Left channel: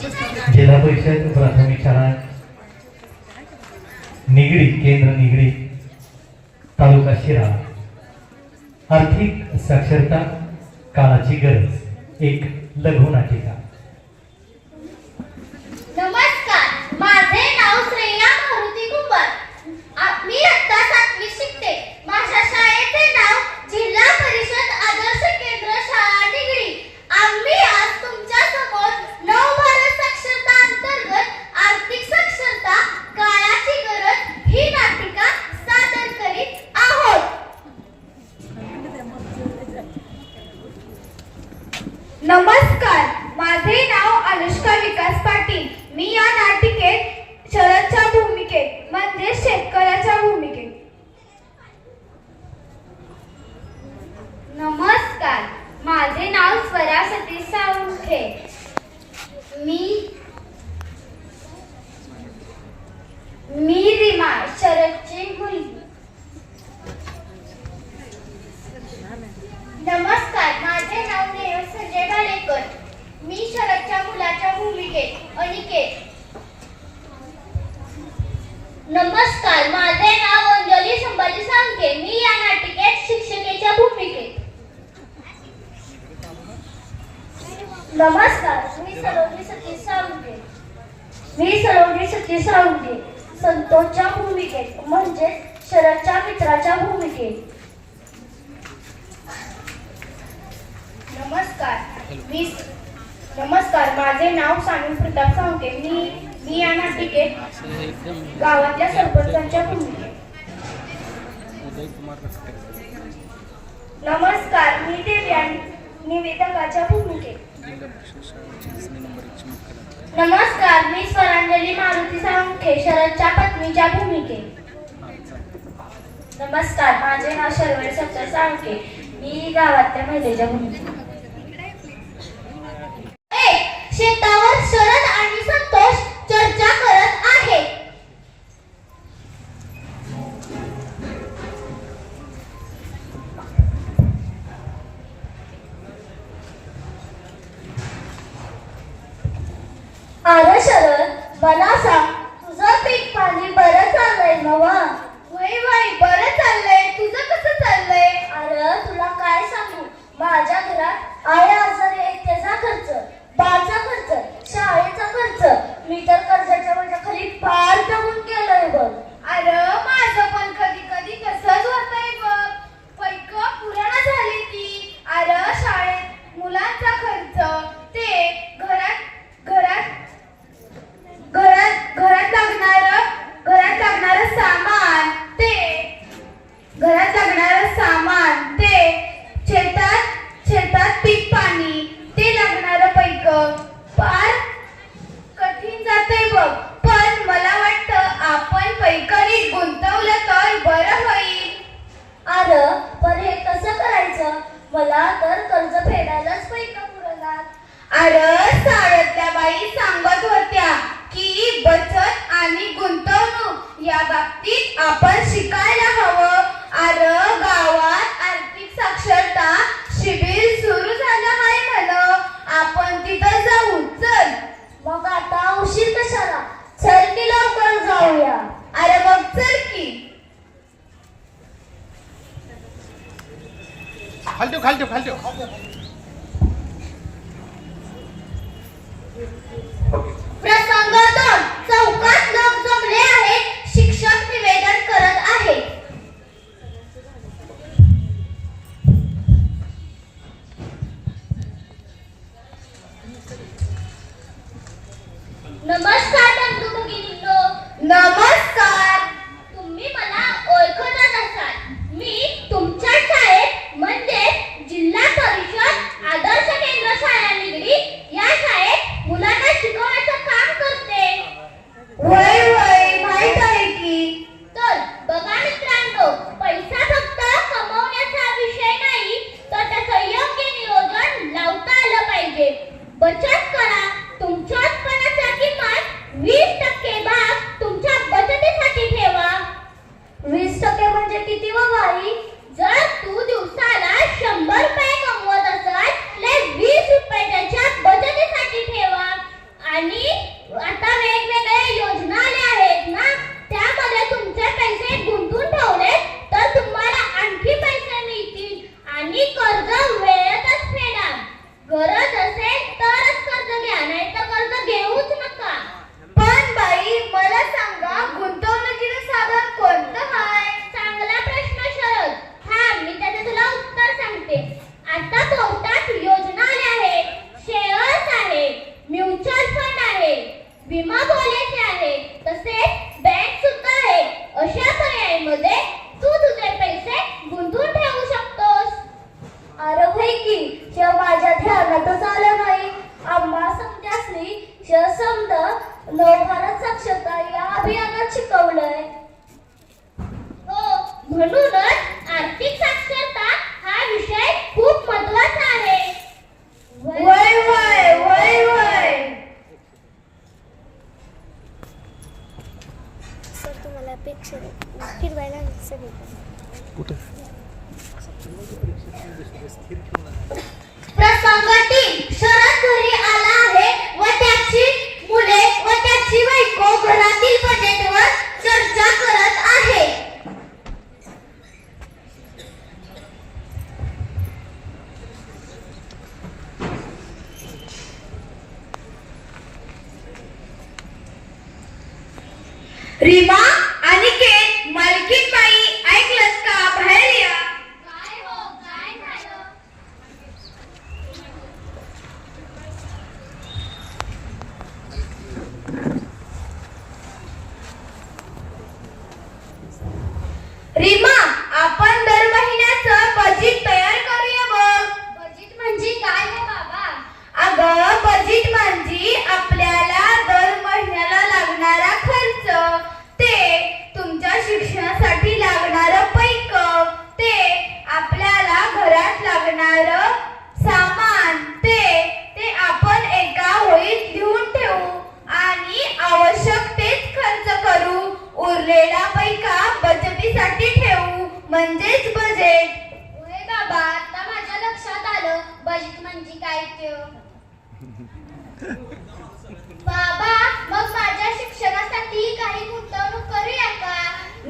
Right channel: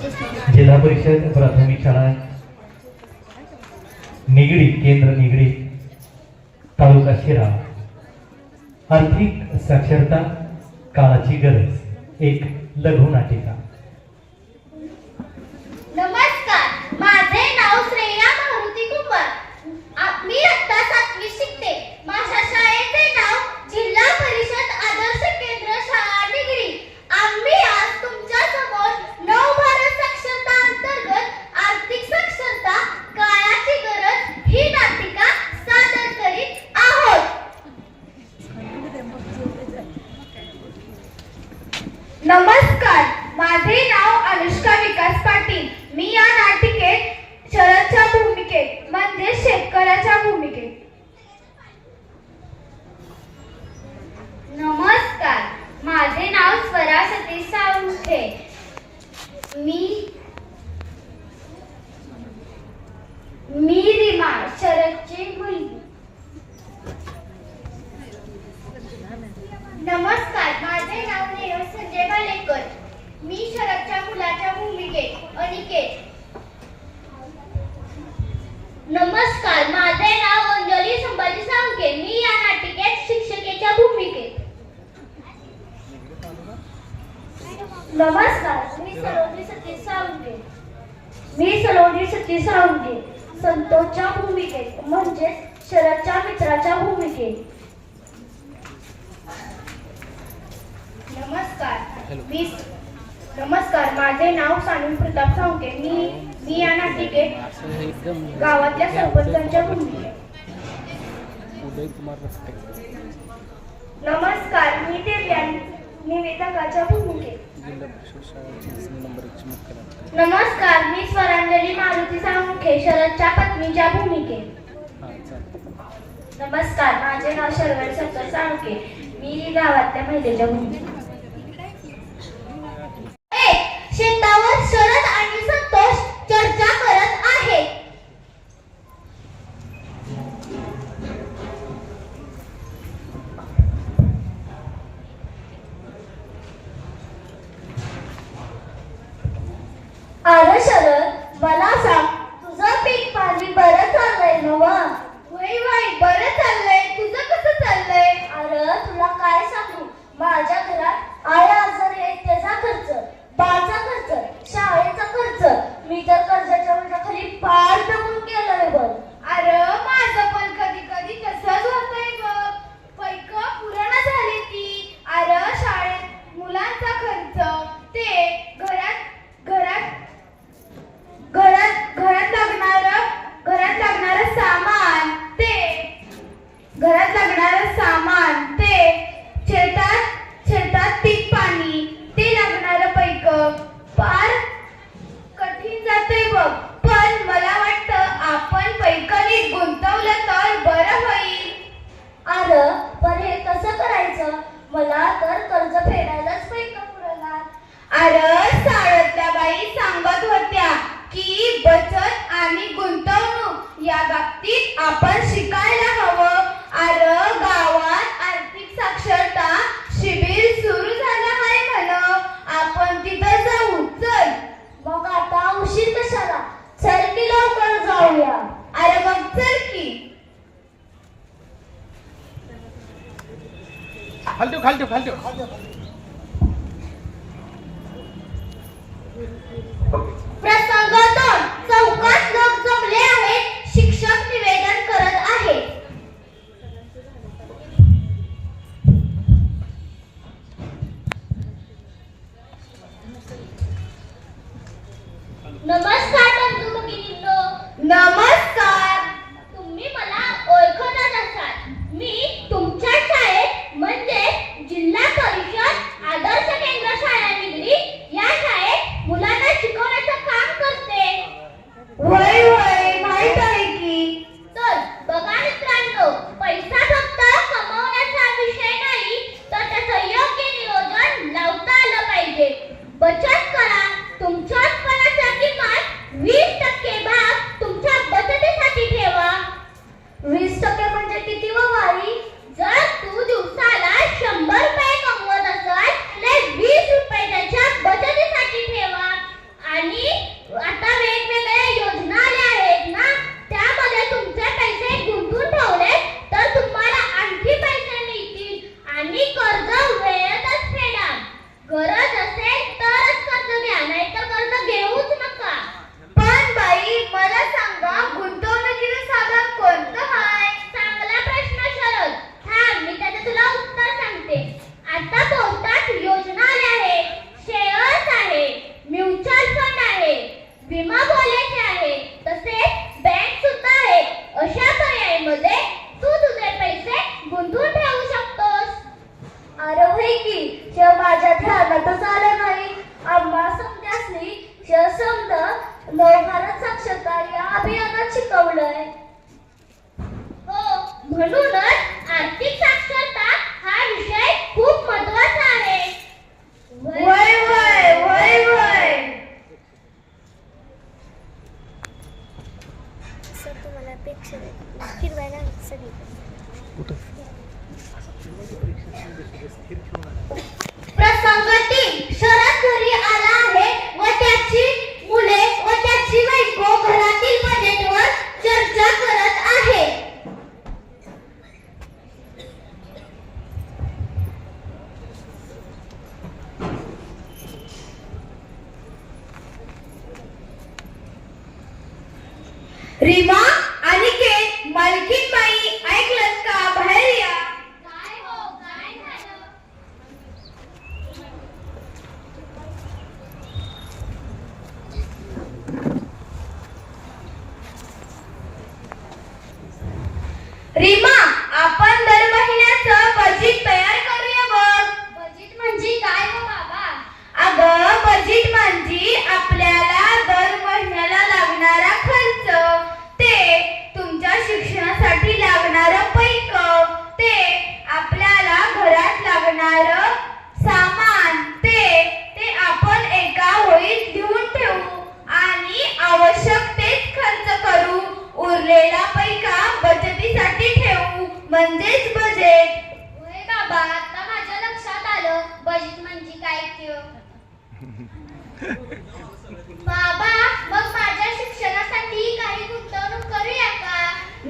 जिल्हा परिषद प्राथमिक शाळा निगडी केंद्र निगडी तालुका शिरा आर्थिक साक्षरता काळाची गरज एक लघु नाटिका। नमस्कार, माझे नाव श्रेया मारुती कुंभार। मी इयत्ता 7वी शिकते। माझ्या शाळेचे नाव जिल्हा परिषद आदर्श केंद्र शाळा निगडी। आम्ही आज तुमच्या समोर नवभारत साक्षरता अंतर्गत आर्थिक साक्षरता काळाची गरज ही नाटिका सादर करीत आहोत। नमस्कार, माझे नाव अनुष्का विकास पाटील। मी या नाटिकेत शरदच्या भूमिकेत म्हणजे शेतकऱ्याच्या भूमिकेत। नमस्कार, माझे नाव स्वरा सतीश साळुंखे। मी रीमा शरदची मुलगी। नमस्कार, माझे नाव नेहा संजय भालेकर। मी शरदच्या मुलाच्या भूमिकेत अनिकेत। नमस्कार, माझे नाव अंजली संभाजी साळुंखे। मी या नाटिकेत शिक्षकेच्या भूमिकेत। नमस्कार, मी सलोनी सतीश साळुंखे। संतोषच्या भूमिकेत म्हणजे शरदच्या मित्राच्या भूमिकेत। नमस्कार, माझे नाव सानू प्रताप साळुंखे। मी या नाटिकेत गावातल्या सरपंचांच्या भूमिकेत। नमस्कार, मी देव्या निवेदकाच्या भूमिकेत। नमस्कार, मी स्वरांजली मारुती साळुंखे शरदच्या पत्नीच्या भूमिकेत। नमस्कार, माझे नाव शर्वरी संतोष साळुंखे। मी गावातल्या महिलेच्या भूमिकेत। शेतावर शरद आणि संतोष चर्चा करत आहेत। अरे शरद, मला सांग, तुझं पीक पाणी बरं चाललंय नवा? वय बरं चाललंय। तुझं कसं चाललंय? अरे तुला काय सांगू, माझ्या घरात आई आजारी आहे, त्याचा खर्च, बाचा खर्च, शाळेचा खर्च, मी तर कर्जाच्या ओझ्याखाली पार दबून गेलोय बघ। अरे माझं पण कधी कधी तसंच होतंय बघ। पैक पुराण झाली ती। अरे शाळेत मुलांचा खर्च, ते घरात लागणारं सामान, ते शेतात पीक पाणी, ते लागणारं पैक फार कठीण जातंय बघ। पण मला वाटतं आपण पैक नीट गुंतवलं तर बरं होईल। अरे पण हे कसं करायचं? मला तर कर्ज फेडायलाच पैक पुरणार। अरे शाळेतल्या बाई सांगत होत्या की बचत आणि गुंतवणूक या बाबतीत आपण शिकायला हवं। अरे गावात आर्थिक साक्षरता शिबिर सुरू झालं आहे म्हण, आपण तिथं जाऊ। चल मग, आता उशीर कशाला? चल की लवकर जाऊया। अरे मग चल की। खालतो प्रसंग 2, चौकात लोक जमले आहेत, शिक्षक निवेदन करत आहेत। नमस्कार बंधू भगिनींनो। नमस्कार। तुम्ही मला ओळखतच असाल, मी तुमच्या शाळेत म्हणजे जिल्हा परिषद आदर्श केंद्र शाळा निगडी या शाळेत मुलांना शिकवण्याचं काम करते। वय माहित आहे की। तर बघा मित्रांनो, पैसा फक्त कमवण्याचा विषय नाही, तर त्याचं योग्य नियोजन लावता आलं पाहिजे। बचत करा, तुमच्या उत्पन्नाचा किमान 20% भाग तुमच्या विमा पॉलिसी आहे, तसेच बँक सुद्धा आहे. अशा पर्यायांमध्ये तू तुझे पैसे गुंतवून ठेवू शकतोस. अरे होय की, माझ्या ध्यानातच आलं नाही. आम्हा समजासनी समज नवभारत साक्षरता या अभियानात शिकवलंय. हो, म्हणूनच आर्थिक साक्षरता हा विषय खूप महत्त्वाचा आहे. वय वय वय वय. सर तुम्हाला अपेक्षा फिरवायला सगळी प्रसंग 3. शरद घरी आला आहे व त्याची मुले व त्याची बायको घरातील बजेटवर चर्चा करत आहे. रीमा, अनिकेत, मालकीनबाई, ऐकलत का? बाहेर या. काय हो, काय झालं? रीमा, आपण दर महिन्याचं बजेट तयार करूया बघ. बजेट म्हणजे काय गं बाबा? अगं, बजेट म्हणजे आपल्याला दर महिन्याला लागणारा खर्च, ते तुमच्या शिक्षणासाठी लागणारं पैक, ते आपल्याला घरात लागणारं सामान, ते आपण एका वहीत लिहून ठेवू आणि आवश्यक तेच खर्च करू. उरलेला पैका बचतीसाठी ठेवू, म्हणजेच बजेट. होय बाबा, आता माझ्या लक्षात आलं बजेट म्हणजे काय ते. बाबा, मग माझ्या शिक्षणासाठी काही गुंतवणूक करूया का?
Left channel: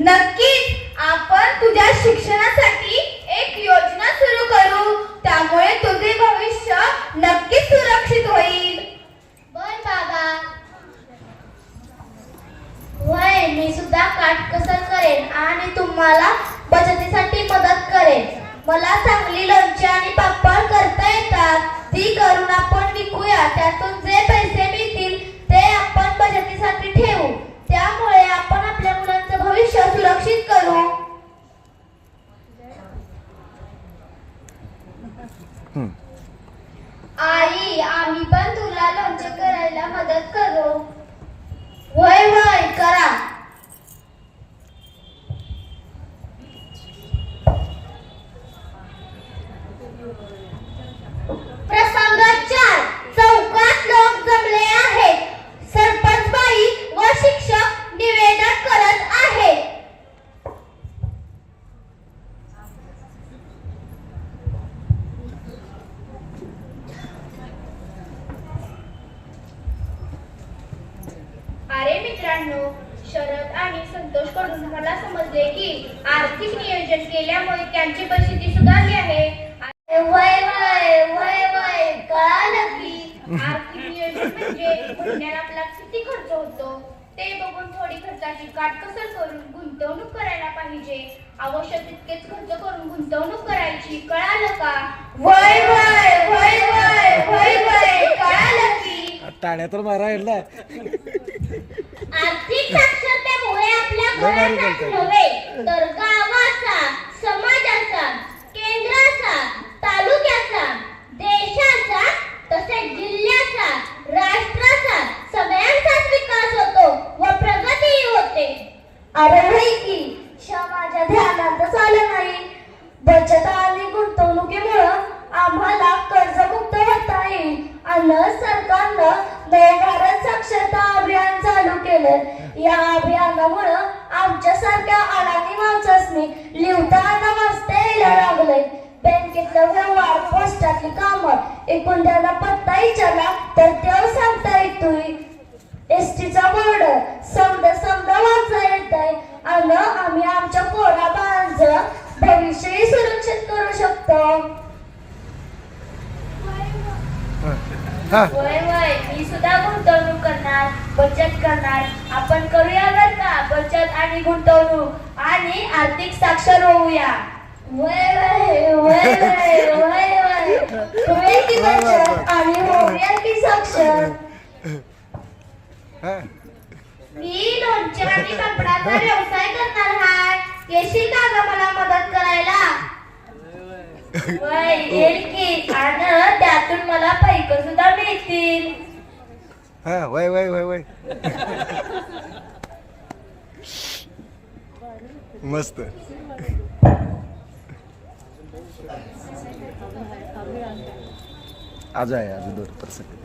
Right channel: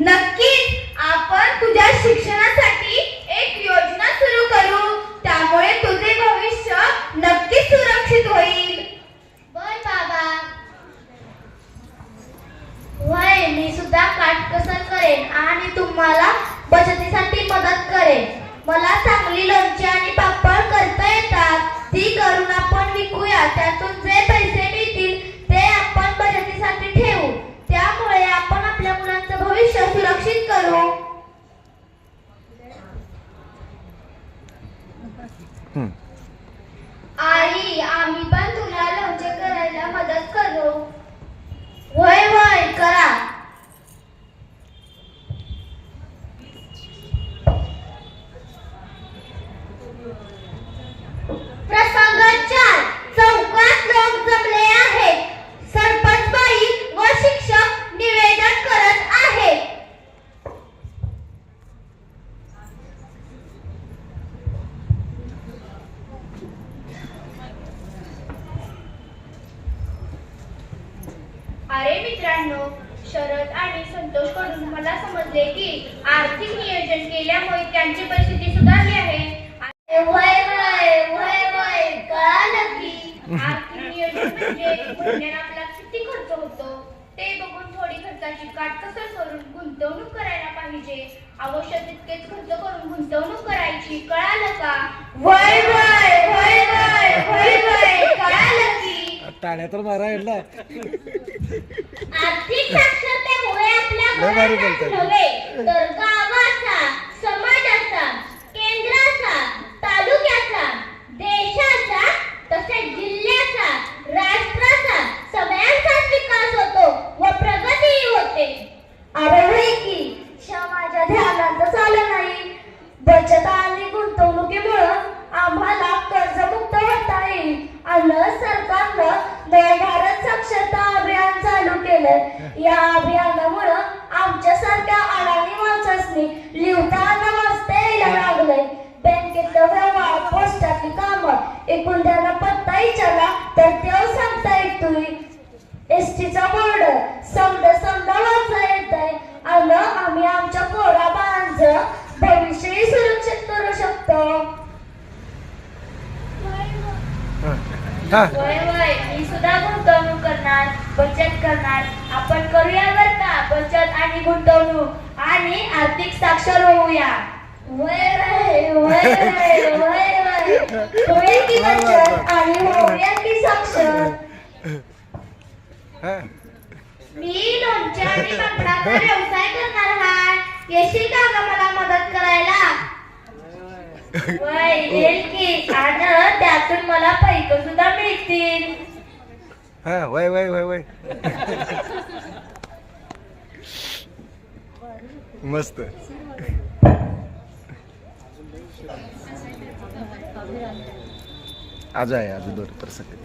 नक्कीच. आपण तुझ्या शिक्षणासाठी एक योजना सुरू करू, त्यामुळे तुझे भविष्य नक्कीच सुरक्षित होईल. बर बाबा. होय, मी सुद्धा काटकसर करेन आणि तुम्हाला बचतीसाठी मदत करेन. मला चांगली लोणची आणि पापड करता येतात, ती करून आपण विकूया. त्यातून जे पैसे मिळतील ते आपण बचतीसाठी ठेवू. त्यामुळे आपण आपल्या मुलांचं भविष्य सुरक्षित करू. आई, आम्ही पण तुला लोणचे करायला मदत करू. वय वय करा. प्रसंग 4. चौकात लोक जमले आहेत. सरपंचबाई व शिक्षक निवेदन करत आहेत. अरे मित्रांनो, शरद आणि संतोष कडून मला समजले की आर्थिक नियोजन केल्यामुळे त्यांची परिस्थिती सुधारली आहे. वय वय वय वय कळालं की आर्थिक नियोजन म्हणजे महिन्याला आपला किती खर्च होतो ते बघून थोडी खर्चाची काटकसर करून गुंतवणूक करायला पाहिजे. आवश्यक तितकेच खर्च करून गुंतवणूक करायची. कळालं का? वय वय वय वय वय वय कळालं की. टाळ्या तर मारा यांना. आर्थिक साक्षरतेमुळे आपल्या घराचाच नव्हे तर गावाचा, समाजाचा, केंद्राचा, तालुक्याचा, देशाचा, तसेच जिल्ह्याचा, राष्ट्राचा, सगळ्यांचाच विकास होतो व प्रगतीही होते. अरे होय की, माझ्या ध्यानातच आलं नाही. बचत आणि गुंतवणुकीमुळं आम्हाला कर्जमुक्त होता येईल. आणि सरकारनं नवभारत साक्षरता अभियान चालू केलं. या अभियानामुळं आमच्यासारख्या अडाणी माणसांनी लिहिता आणि वाचता यायला लागलंय. बँकेतलं व्यवहार, पोस्टातली कामं, एकूण त्यांना पत्ता विचारला तर ते सांगता येतोय. एसटीचा बोर्ड समजा वाचता येतंय. आणि आम्ही आमच्या पोरा बाळांचं भविष्यही सुरक्षित करू शकतो. वय वय, मी सुद्धा गुंतवणूक करणार, बचत करणार. आपण करूया बरं का बचत आणि गुंतवणूक आणि आर्थिक साक्षर होऊया. वय वय वय वय वय वय होईल की बचत आणि होऊया की साक्षर. हा मी लोणच्या आणि पापडाचा व्यवसाय करणार आहे. येशील का ग मला मदत करायला? वय येईल की, आणि त्यातून मला पैसे सुद्धा मिळतील. हा वय वय वय वय मस्त. आज आहे आज 2%.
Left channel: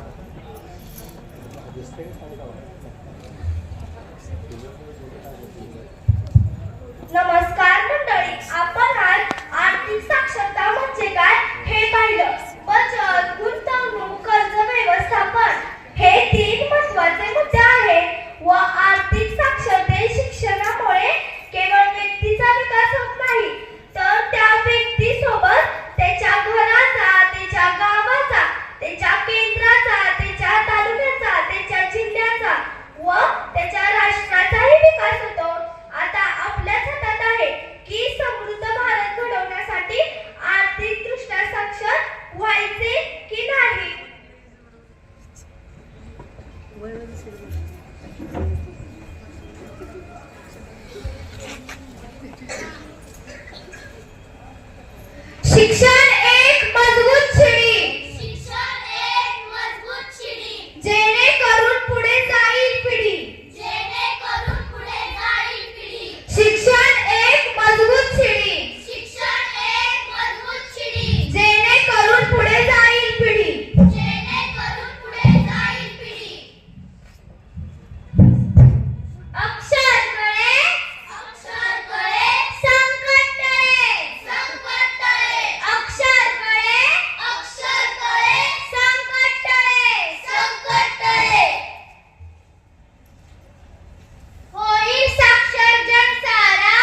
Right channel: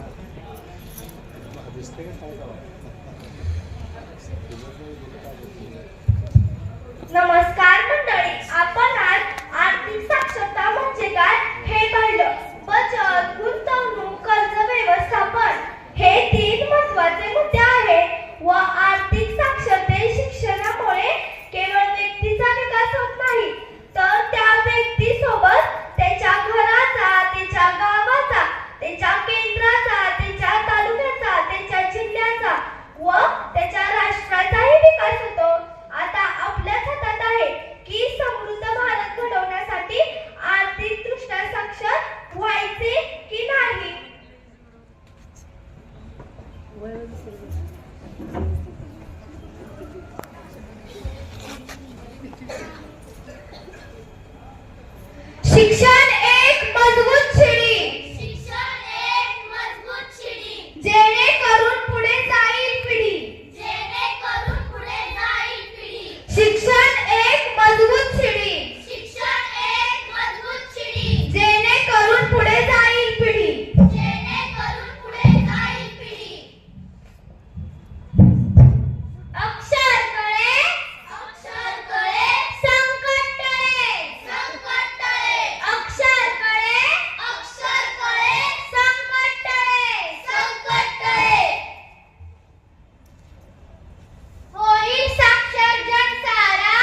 नमस्कार मंडळी, आपण आज आर्थिक साक्षरता म्हणजे काय हे पाहिलं. बचत, गुंतवणूक, कर्ज व्यवस्थापन हे 3 महत्त्वाचे मुद्दे आहेत. व आर्थिक साक्षरते शिक्षणामुळे केवळ व्यक्तीचा विकास होत नाही, तर त्या व्यक्तीसोबत त्याच्या घराचा, त्याच्या गावाचा, त्याच्या केंद्राचा, त्याच्या तालुक्याचा, त्याच्या जिल्ह्याचा व त्याच्या राष्ट्राचाही विकास होतो. आता आपल्याच हातात आहे की समृद्ध भारत घडवण्यासाठी आर्थिकदृष्ट्या साक्षर व्हायचे की नाही. शिक्षण एक मजबूत शिडी. शिक्षण एक मजबूत शिडी. जेणेकरून पुढे जाईल पिढी. जेणेकरून पुढे जाईल पिढी. शिक्षण एक मजबूत शिडी. शिक्षण एक मजबूत शिडी. जेणेकरून पुढे जाईल पिढी. जेणेकरून पुढे जाईल पिढी. अक्षर कळे, अक्षर कळे, संकट टळे, संकट टळे. अक्षर कळे, अक्षर कळे, संकट टळे, संकट टळे. होईल साक्षर जन सारा,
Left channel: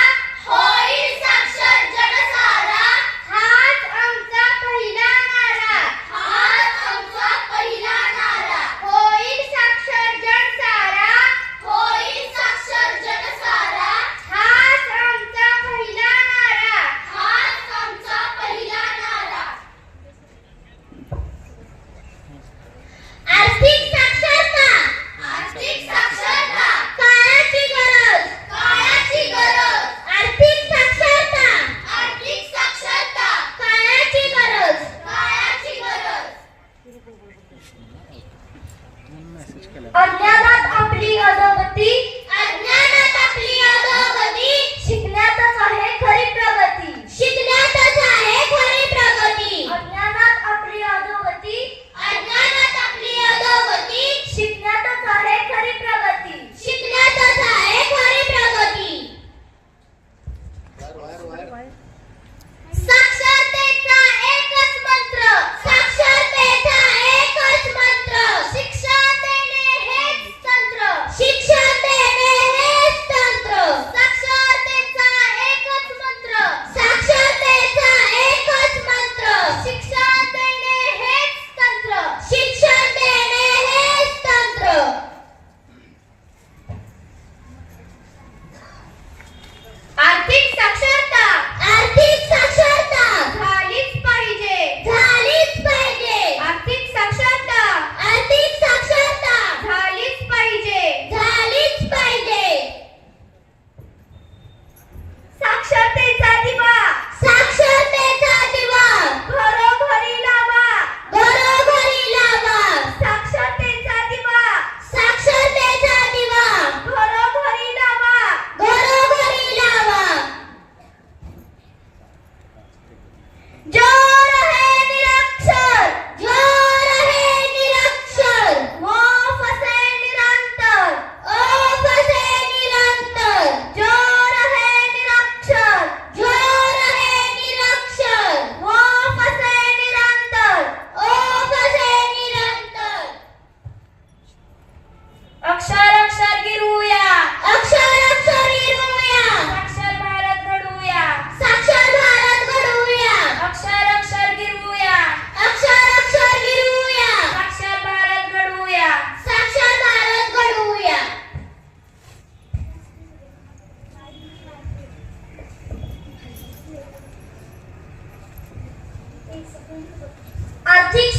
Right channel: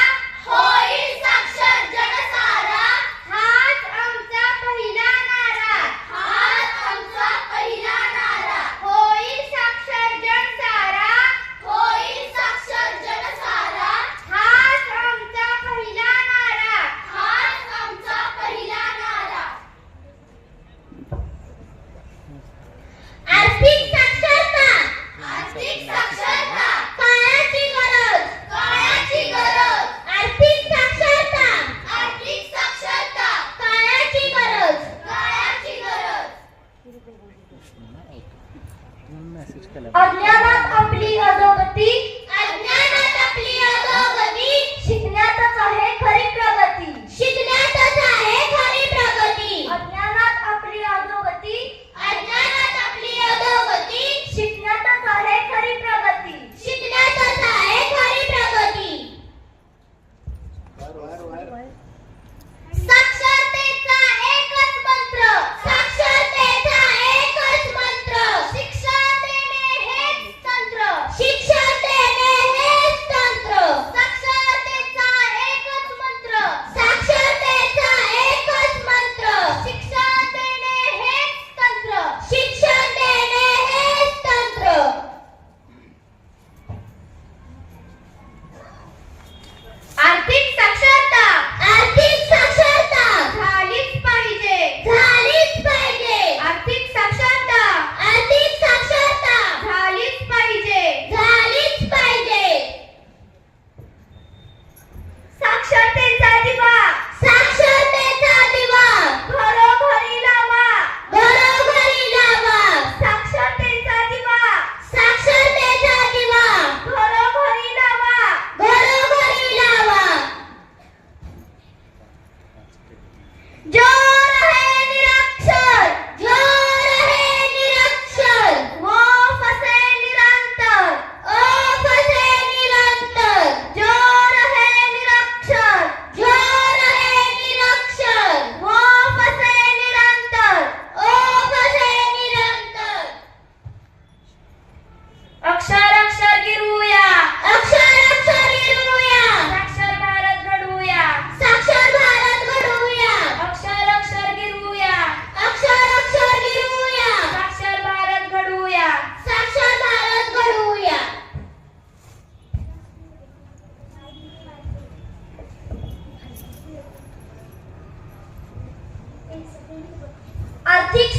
होईल साक्षर जन सारा. हाच आमचा पहिला नारा, हाच आमचा पहिला नारा. होईल साक्षर जन सारा, होईल साक्षर जन सारा. हाच आमचा पहिला नारा, हाच आमचा पहिला नारा. आर्थिक साक्षरता, आर्थिक साक्षरता. काळाची गरज, काळाची गरज. आर्थिक साक्षरता, आर्थिक साक्षरता. काळाची गरज, काळाची गरज. अज्ञानात आपली अधोगती, अज्ञानात आपली अधोगती. शिकण्यातच आहे खरी प्रगती, शिकण्यातच आहे खरी प्रगती. अज्ञानात आपली अधोगती, अज्ञानात आपली अधोगती. शिकण्यातच आहे खरी प्रगती, शिकण्यातच आहे खरी प्रगती. साक्षरतेचा एकच मंत्र, साक्षरतेचा एकच मंत्र. शिक्षा देणे हेच तंत्र, शिक्षा देणे हेच तंत्र. साक्षरतेचा एकच मंत्र, साक्षरतेचा एकच मंत्र. शिक्षा देणे हेच तंत्र, शिक्षा देणे हेच तंत्र. आर्थिक साक्षरता, आर्थिक साक्षरता. झालीच पाहिजे, झालीच पाहिजे. आर्थिक साक्षरता, आर्थिक साक्षरता. झालीच पाहिजे, झालीच पाहिजे. साक्षरतेचा दिवा, साक्षरतेचा दिवा. घरोघरी लावा, घरोघरी लावा. साक्षरतेचा दिवा, साक्षरतेचा दिवा. घरोघरी लावा, घरोघरी लावा. जो रहे निरक्षर, जो रहे निरक्षर. वो फसे निरंतर, ओ फसे निरंतर. जो रहे निरक्षर, जो रहे निरक्षर. वो फसे निरंतर, ओ फसे निरंतर. अक्षर अक्षर गिरूया, अक्षर अक्षर गिरूया. साक्षर भारत घडवूया, साक्षर भारत घडवूया. अक्षर अक्षर गिरूया, अक्षर अक्षर गिरूया. साक्षर भारत घडवूया, साक्षर भारत घडवूया. आर्थिक